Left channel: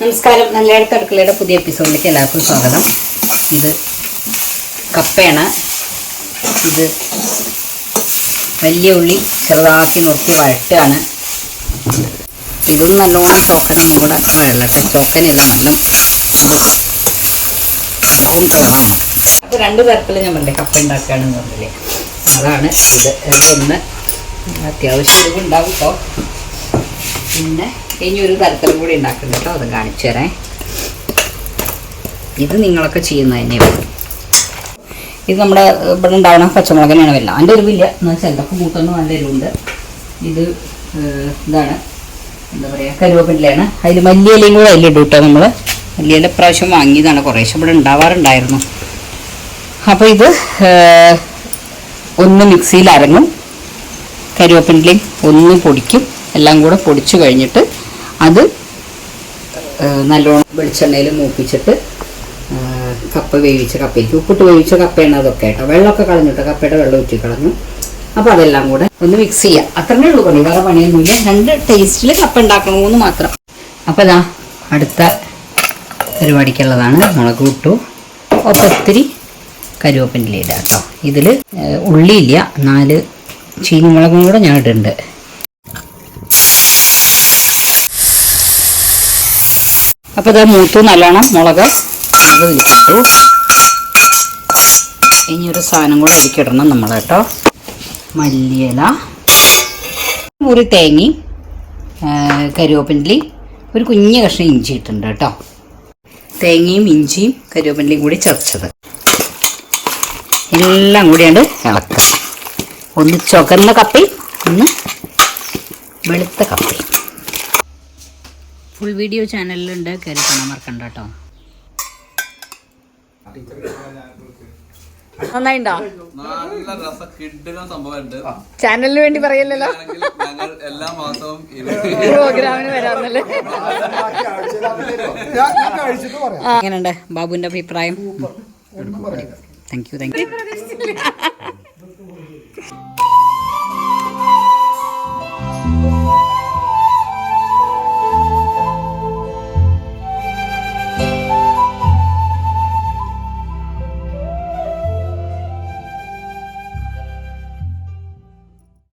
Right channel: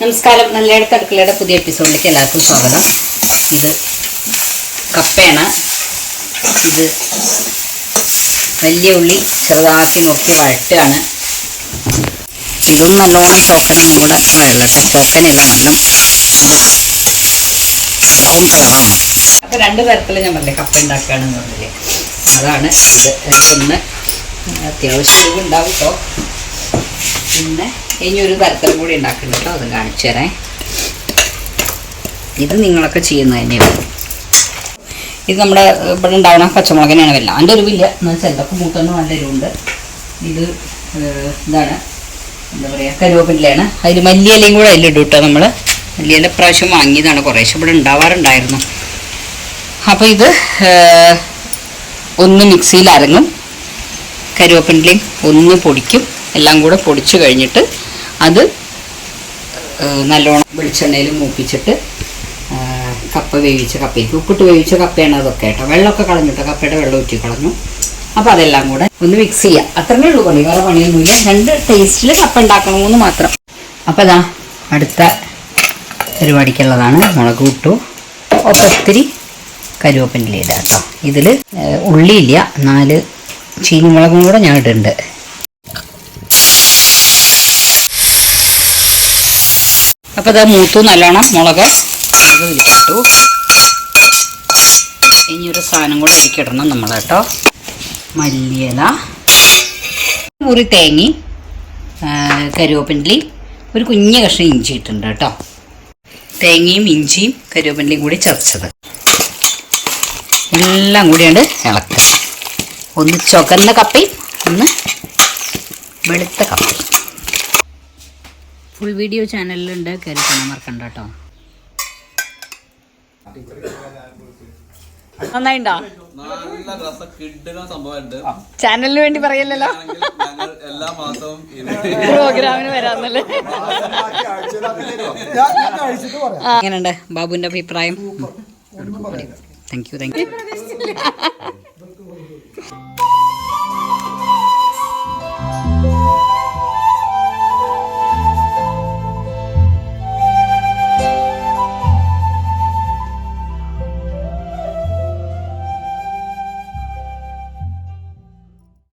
നമസ്കാരം. നല്ലയിടത്ത് അടുക്കളയുടെ പുതിയ എപ്പിസോഡിലേക്ക് എല്ലാവർക്കും സ്വാഗതം. ഇത് കപ്പയാണ്. ഇത് വലിയ ഉള്ളി ചെറുതാക്കി നുറുക്കി വഴട്ടുകയാണ്. ഇതും നല്ലോണം ചോക്കനെ കൂടെ വെള്ളട്ടെ, ചോക്കനല്ല വെള്ളം കളറാണ്. അപ്പോൾ രണ്ട് തരത്തിൽ ഞാൻ പറഞ്ഞില്ലേ കപ്പ ഉണ്ടാക്കുകയാണെന്ന് പറഞ്ഞില്ലേ, അതാണ് ഇത്. ഇതൊന്ന് അത്യാവശ്യം ഇതുണ്ടാവും കേട്ടോ. പിന്നെ ഇനി ഒരു തരത്തിലും കൂടി ഉണ്ടാക്കുന്നുണ്ട് കേട്ടോ, അതും കാണിച്ചു തരാം. ഇത് നിങ്ങളൊക്കെ ചെയ്യുന്നത് തന്നെയാണ്. ഇത് നമ്മുടെ ഇവിടെ ഉണ്ടാവുന്ന പച്ചമുളകിനാണ് വല്ല അതിൻ്റെ എരിവില്ല എന്ന് വെച്ചാൽ എന്തൊക്കെ മൂത്തൊന്നും നല്ല എരിവുണ്ട്. ഇത് ഇതാണ് എന്താ പറയുക, കരുവേപ്പിലയാണ്. അതിൽ മല്ലിയിലയും കൂടെ അതിലിടും കേട്ടോ. നമ്മൾ മല്ലിയില പ്രാവശ്യം വാങ്ങിയതാണ്, കുറേശ്ശെ ഇവിടെ ഉണ്ടാവാറുണ്ടായിരുന്നു. അപ്പോൾ ഇത് ഒന്ന് മിക്സിയിൽ അരങ്ങും, കരുവേപ്പിലയും ഒന്ന് പൊടിക്കും. എല്ലാം കൂടെ പൊടിച്ച് കഴിഞ്ഞിട്ട് അത് നല്ലോണം വെളിച്ചെണ്ണയിൽ മൂപ്പിച്ചിട്ട് കപ്പ വേവിച്ച കപ്പയ്ക്ക് ഉപ്പിട്ട് വേവിച്ച കപ്പയാണ് അതൊക്കെ കേട്ടോ. വെള്ളമൊക്കെ കളഞ്ഞിട്ടോ, കപ്പയുടെ വെള്ളം ഊറ്റി കളഞ്ഞു. അപ്പോൾ അതെല്ലാം കൂടെ ഒന്ന് മിക്സ് ചെയ്യാം. അത്രേ ഉള്ളൂ പണി, വേറെ പണിയൊന്നുമില്ല. രണ്ട് ടേസ്റ്റിൽ കപ്പ ഉണ്ടാക്കണമെന്ന് മാത്രം. അപ്പോൾ ഇതാ അടുത്ത പരിപാടിക്കുള്ളതാണ്. മുളക് ഇട്ടു, ഒപ്പം ഒത്തിരി കരുവേപ്പില ഇടാം കേട്ടോ. ഇതിൽ ഉള്ളിയില്ല, 4 ചീനിമുളകും കൂടെ ഞാൻ ഇടുന്നുണ്ട്. അപ്പോൾ ഇത് മൂത്തു നല്ലോണം മുളക് വിളിച്ചിട്ടു. ഇനി ഒരു സാധനം കൂടെ ഇടിക്കിടണം നമ്മൾ കേട്ടോ. മല്ലിയില, മുറി തേങ്ങയും കരുവേപ്പിലയും ഒരു കുഞ്ഞ് കഷ്ണം ഇഞ്ചി ഇട്ടുണ്ട് കേട്ടോ. തേങ്ങയും ഇഞ്ചിയും കരുവേപ്പിലയും കൂടി ചതച്ചത് എല്ലാം കൂടിയാണ് ഇളക്കുക. ഒന്ന് ചുവന്ന കപ്പയും ഒന്ന് വെളുത്ത കപ്പയും. ഫുൾ വീഡിയോ ചാനലിലുണ്ട്, കയറി കാണാൻ മറക്കണ്ട കേട്ടോ. നന്നായിണ്ടോ? നല്ല രസ കിഡിലും സംഭവമുണ്ട്. ചാനലിന് വേണ്ടി പറയല്ലോ, എല്ലാ മാസവും പ്രോഗ്രാമിന് വരാന്നല്ലേ. എങ്ങനെയുണ്ട് ബാബുവിന്റെ അഭിപ്രായം? Thank you.